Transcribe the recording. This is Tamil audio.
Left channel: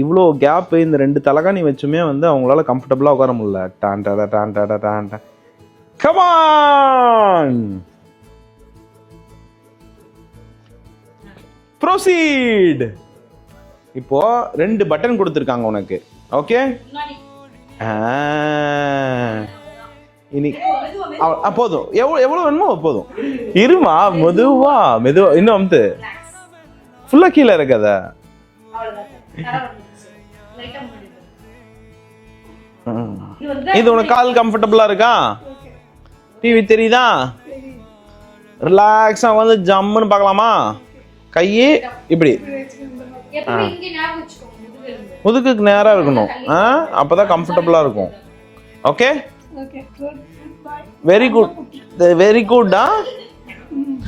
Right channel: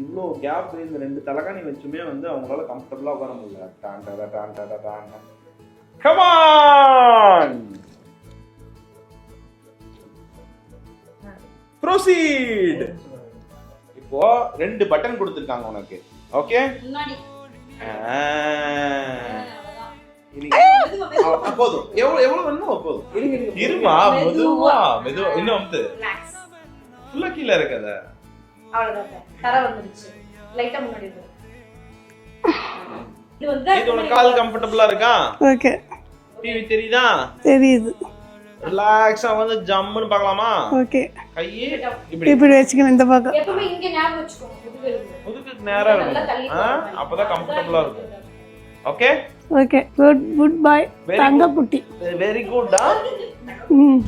இவ்வளோ கேப் இந்த 2 தலகாணி வச்சுமே வந்து அவங்களால கம்ஃபர்டபுளா உட்கார முடியல. டான் டாடா டான் டாடா டான் டான். Come on, proceed. இப்போ 2 பட்டன் கொடுத்துருக்காங்க உனக்கு. ஓகே, இனி போதும். எவ்வளவு வேணுமோ போதும். இருமா, மெதுவா மெதுவா. இன்னும் வந்து ஃபுல்லா கீழே இருக்காத. இது உனக்கு கால் கம்ஃபர்டபுளா இருக்கா? ஓகே. டிவி தெரியுதா? தெரியுது. ரிலாக்ஸா வந்து ஜம்முன்னு பார்க்கலாமா? ஓகே. கையை இப்படி இப்படி வச்சுக்கணும், இந்த பக்கம். முதுகுக்கு நேரா இருக்கணும். அப்பதான் கம்ஃபர்டபுளா இருக்கும். Okay okay. Good bye. Very good. குட்டி. Very good. ம்.